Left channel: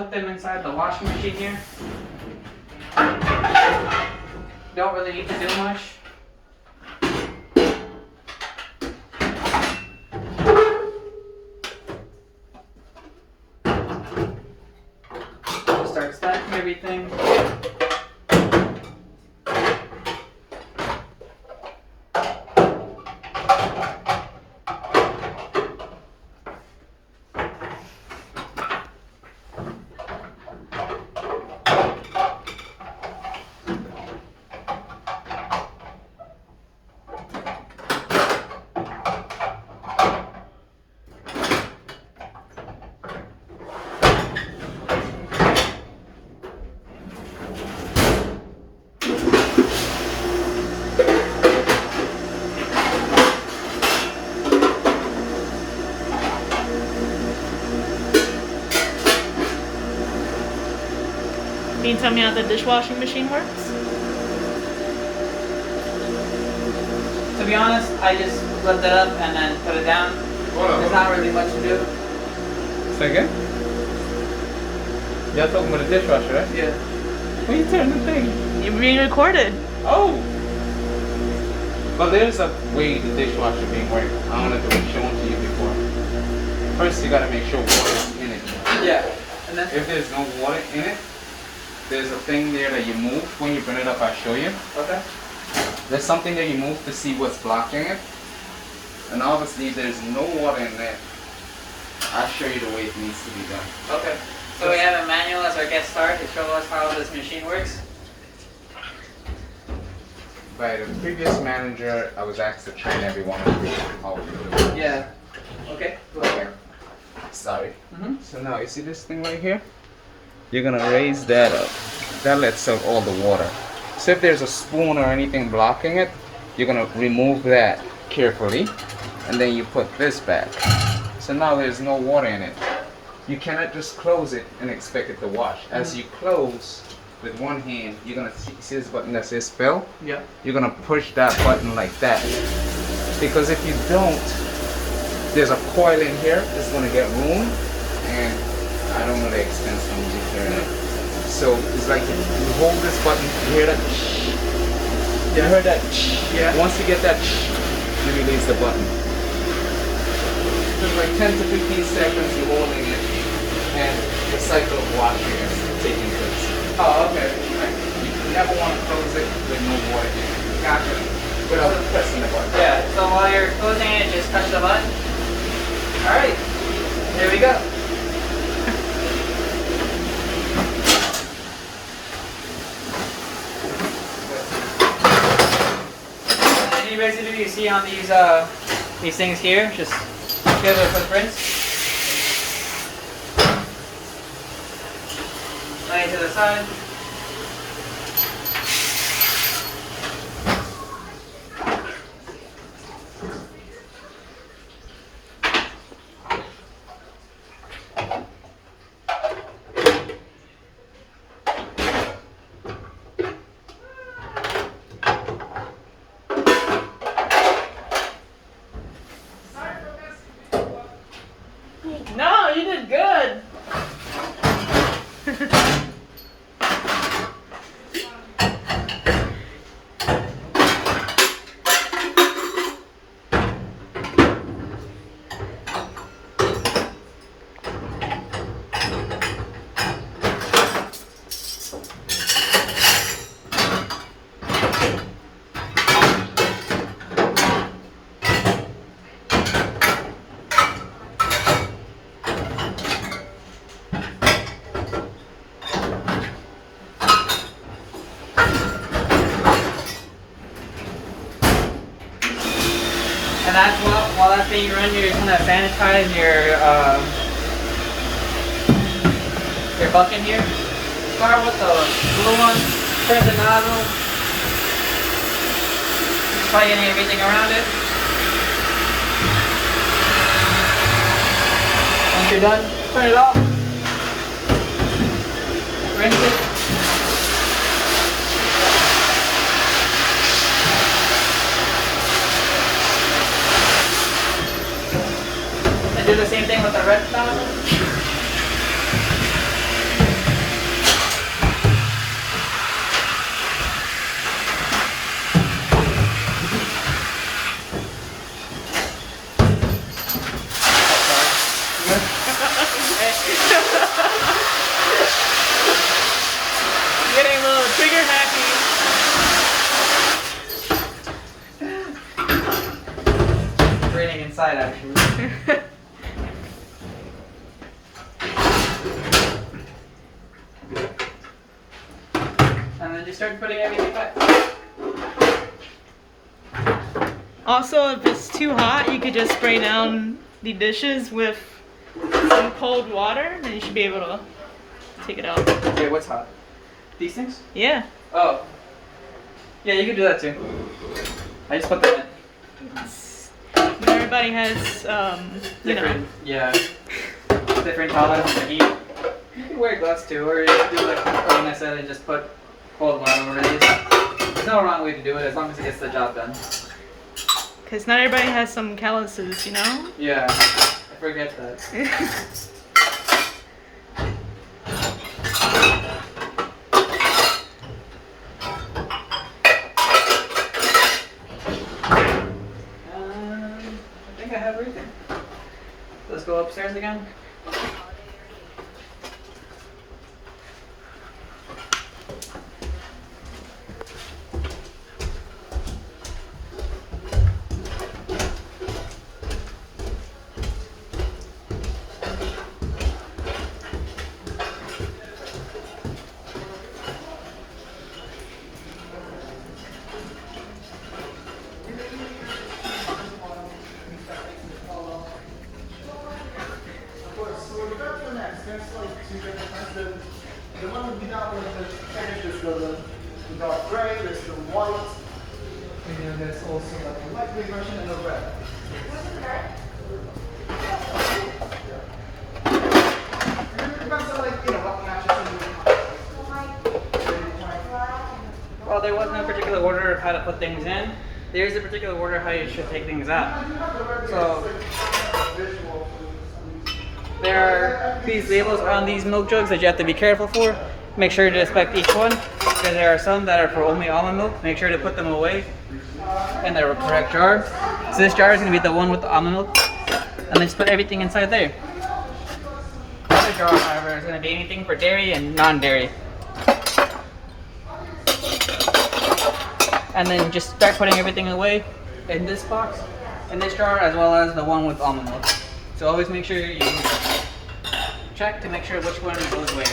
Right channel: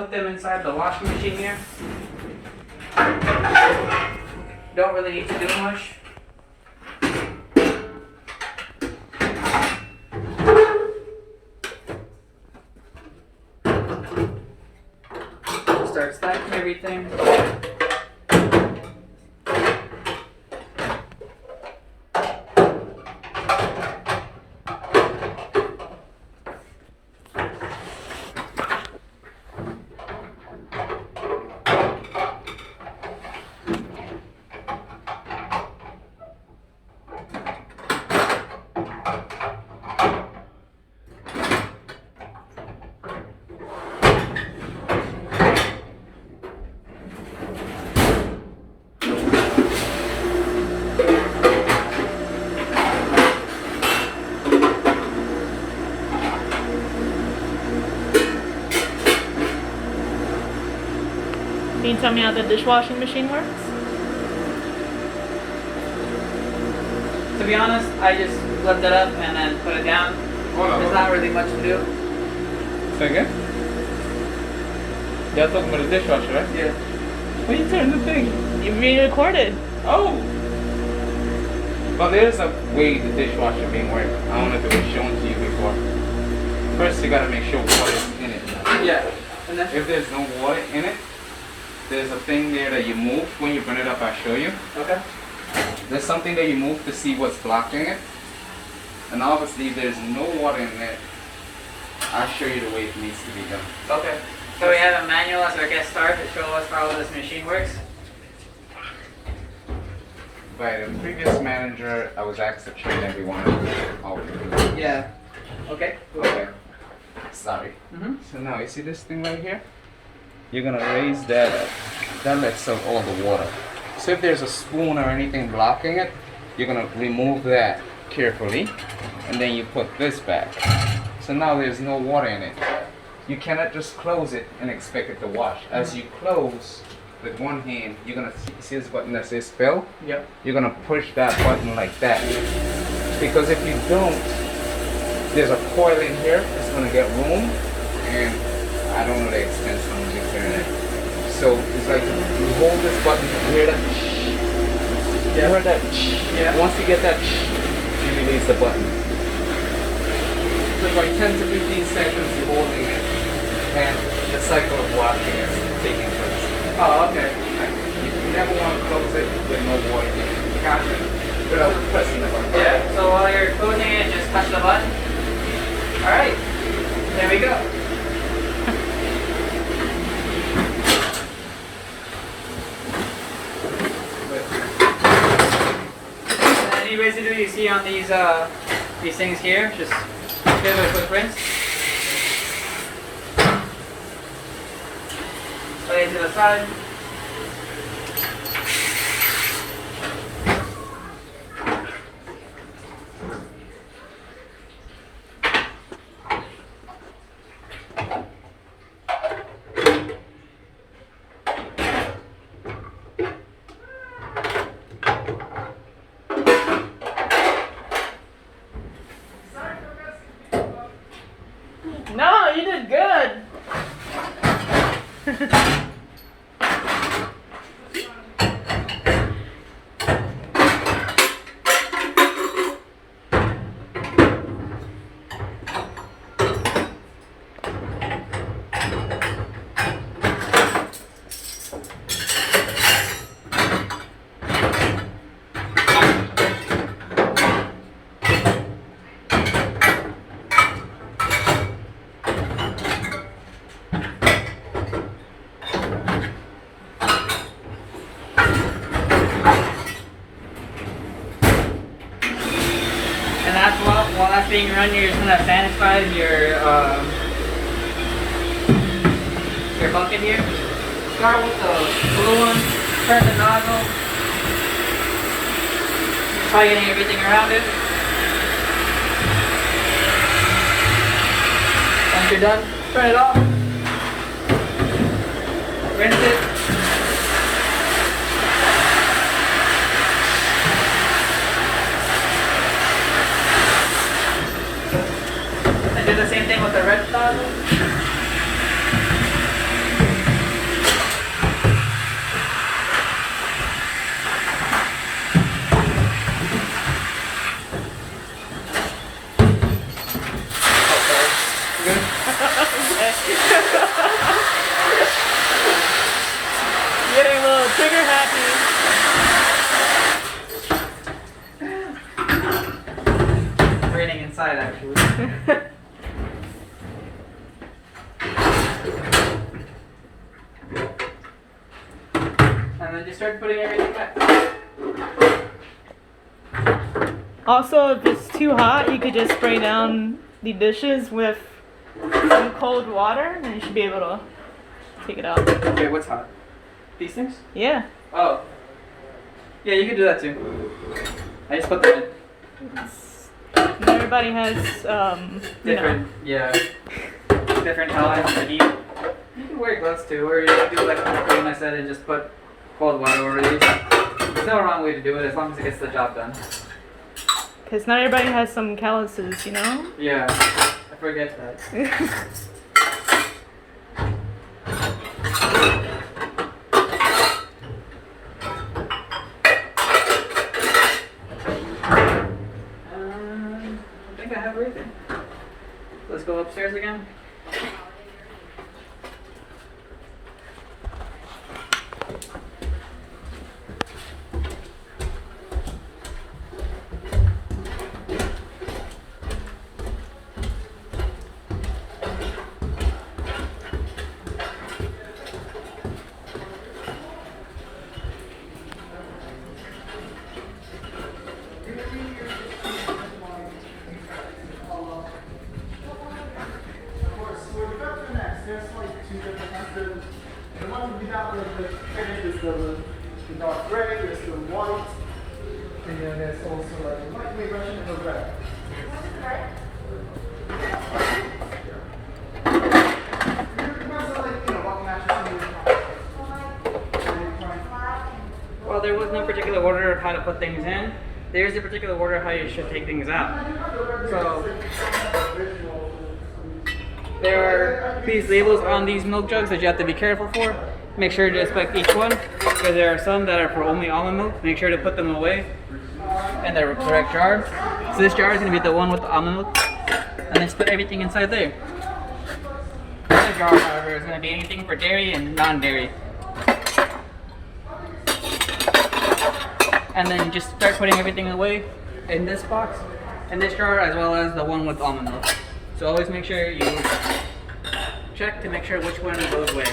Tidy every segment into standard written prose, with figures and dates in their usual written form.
put them inside the washing machine here. Don't really need to do much. Start stacking everything. Can you tell me how the dishwashing machine works? To be honest, I just lift it up and then put it down. There's not really much to do. Say again? Y'all talking about the dishwasher, right? Yeah. When you turn the thing? You're being recorded. Oh! Well, there's a way the dishwasher being worked. I don't know if it was shown to you before. First, you gotta make sure water's in it. Yeah. And then If there's no water in it, there's a thing there that you move. When you bring it up, I'll show you. okay. There's something that you move to see what's blocking it. And obviously, if there's no water in there, I'll show you the way it needs to be done. Okay. So we have a manual as our guest start to show us how this machine works. By the previous manager, I was asked to train everyone. Yeah. Okay. Okay. Sorry. Mm-hmm. So now, you see this thing right here? You're gonna raise that up. That lets out all the water. So if there's a spoon or anything blocking it, you're gonna remove that carefully, and then you put this back. So now there's no water in it. You cannot just close it and expect it to wash. As you close with one hand, you're gonna see this button that says fill? Yep. You're gonna push that button like that. Because if you don't, there's a coil in here that's gonna get room, and I don't know the expense on repairing it. So it's like you hold this button, you hear that? You heard that? Yeah. Once you get that, you release the button. So it's like 10 to 15 seconds you're holding it, and the cycle of washing is taking place. Oh, okay. You never want to close it with no water in it. Gotcha. Without pressing the button. Yeah. So while you're closing it, just touch the button. All right. There we go. And you basically you see on these things here, just give it a quick rinse. Lay it to the side. No, you did good. And that's while that's being run, you're just gonna sanitize your bucket here. Start with the blue one, turn the nozzle. Try getting everything around it. Once you're done, turn it off. Rinse it. And do the same thing with the red nozzle. Trigger happy. It's raining inside actually. And then just start putting everything back. Also, if it's too hot, you could just spray down the dishes with some cold water, and you should be able to take it out. Wait, what's hot? These things? Yeah. Oh. Yeah, you can do that too. I just put them in. And everybody has, you know. Different, yeah. Different tolerance to heat. You can wear gloves too, or you can do like Corinne I said and just put cold water over these. There's no wrong way to do it as long as it gets the job done. Because not everybody has some calluses, you know? Yeah, I forget that. I think I have everything. Let's go upstairs again. The one would be that one, the finish is the dark gray, there's the white, and then there's also like a light gray version and a red. What is red? Depends on like, you know, what matches. Well, there was no particular order of how to put things in. There is a particular order of how you should take things out. So there are these labels on these milk jugs that you have to be careful for. Make sure to inspect each one, because there are some that are for only almond milk. Make sure to put them away in the correct jar. So this jar is going to be the one with the almond milk, and just put everything inside there. The other jar, however, is going to be anything for dairy and non-dairy. And then just start putting everything away in this box, in this jar, as well as the one with almond milk. So always make sure you check to make sure which one goes away.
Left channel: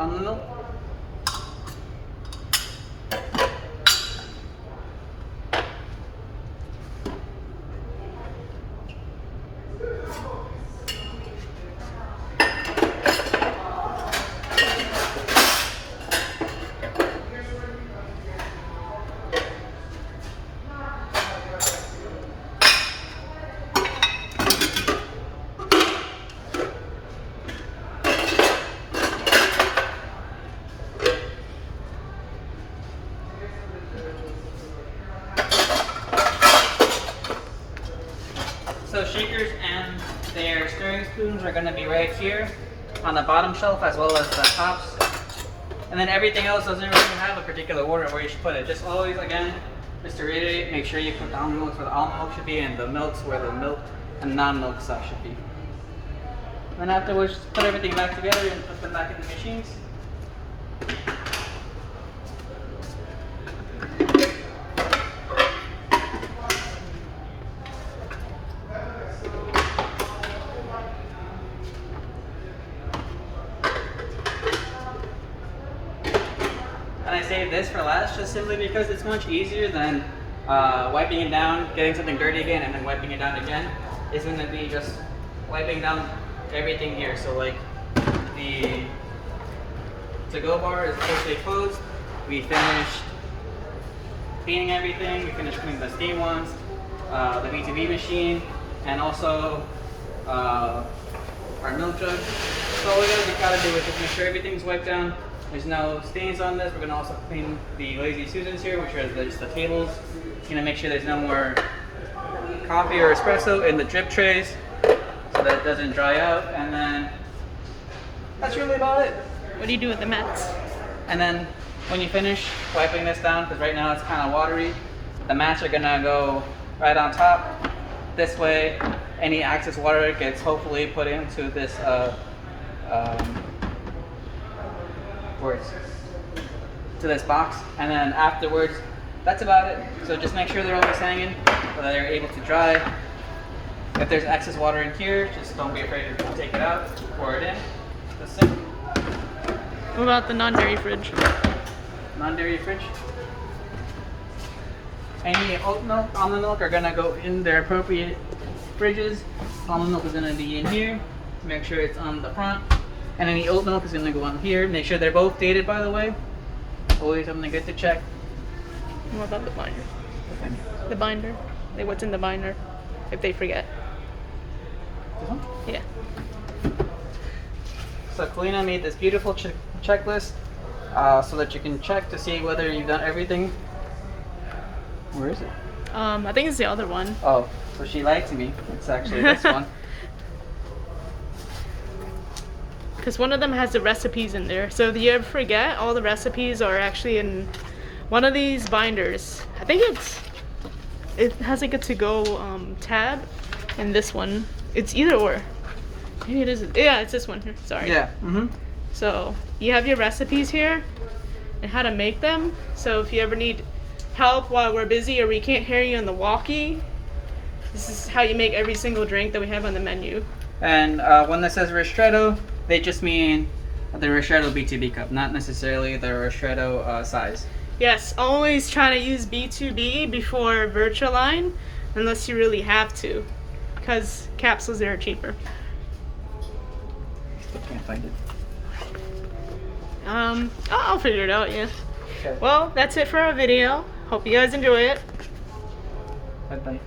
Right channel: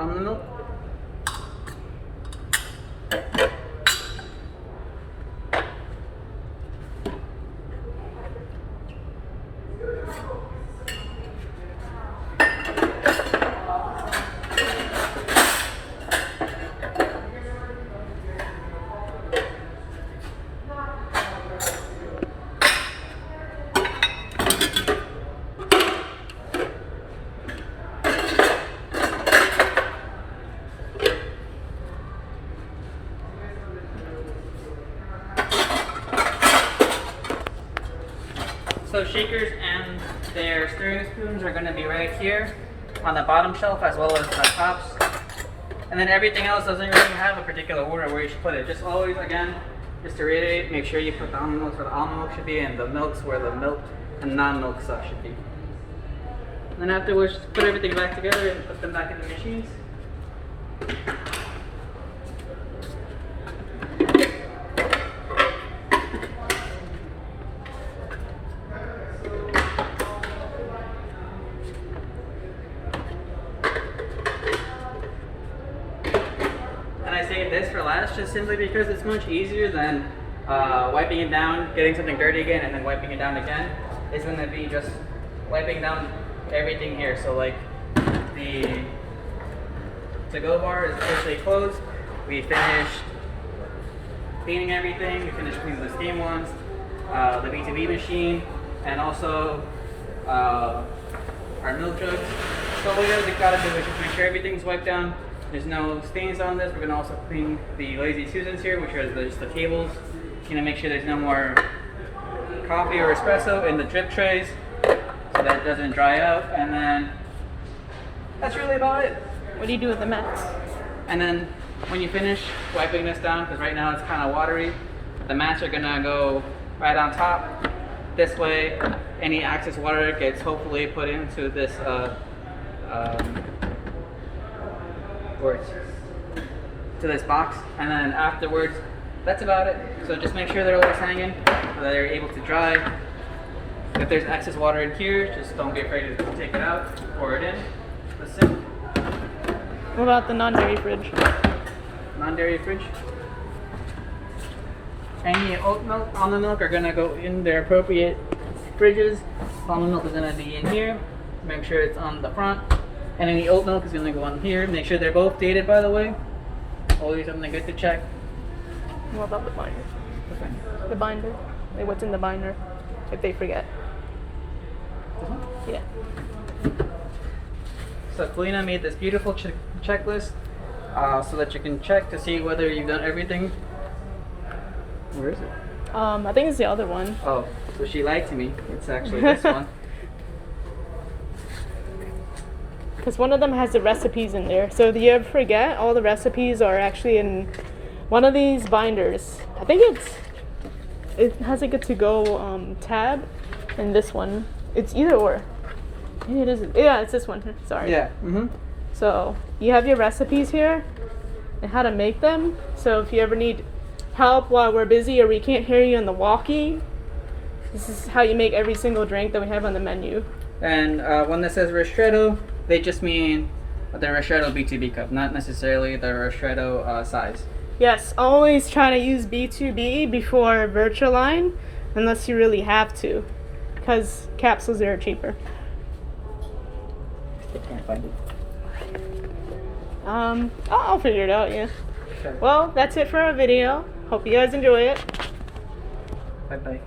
Almond milk. So shakers and their stirring spoons are going to be right here on the bottom shelf as well as the tops. And then everything else doesn't really have a particular order where you should put it. Just always, again, just to reiterate, make sure you put the almond milk where the almond milk should be and the milks where the milk and non-milk stuff should be. And then afterwards, just put everything back together and put them back in the machines. And I saved this for last just simply because it's much easier than wiping it down, getting something dirty again, and then wiping it down again. It's going to be just wiping down everything here. So like the to-go bar is officially closed. We finished cleaning everything. We finished cleaning the steam ones, the B2B machine, and also our milk jug. So all we really gotta do is just make sure everything's wiped down. There's no stains on this. We're gonna also clean the Lazy Susans here, which are just the tables. Make sure there's no more coffee or espresso in the drip trays, so that it doesn't dry out. And then that's really about it. What do you do with the mats? And then when you finish wiping this down, because right now it's kind of watery, the mats are gonna go right on top. This way, any excess water gets hopefully put into this to this box, and then afterwards, that's about it. So just make sure they're always hanging so that you're able to dry. If there's excess water in here, just don't be afraid to take it out, pour it in the sink. What about the non-dairy fridge? Non-dairy fridge. Any oat milk, almond milk are gonna go in their appropriate fridges. Almond milk is gonna be in here. Make sure it's on the front. And any oat milk is gonna go on here. Make sure they're both dated, by the way. Always something good to check. What about the binder? The binder. Like what's in the binder? If they forget. This one? Yeah. So Kalina made this beautiful checklist so that you can check to see whether you've done everything. Where is it? I think it's the other one. Oh, so she lied to me. It's actually this one. Because one of them has the recipes in there. So if you ever forget, all the recipes are actually in one of these binders. I think it has like a to-go tab, and this one. It's either or. Maybe it is. Yeah, it's this one. Sorry. Yeah. Mm-hmm. So you have your recipes here and how to make them. So if you ever need help while we're busy or we can't hear you on the walkie, this is how you make every single drink that we have on the menu. And when this says ristretto, they just mean the ristretto B2B cup, not necessarily the ristretto size. Yes, always try to use B2B before Virtualine unless you really have to, because capsules are cheaper. Still can't find it. I'll figure it out, yeah. Okay. Well, that's it for our video. Hope you guys enjoy it. Bye-bye.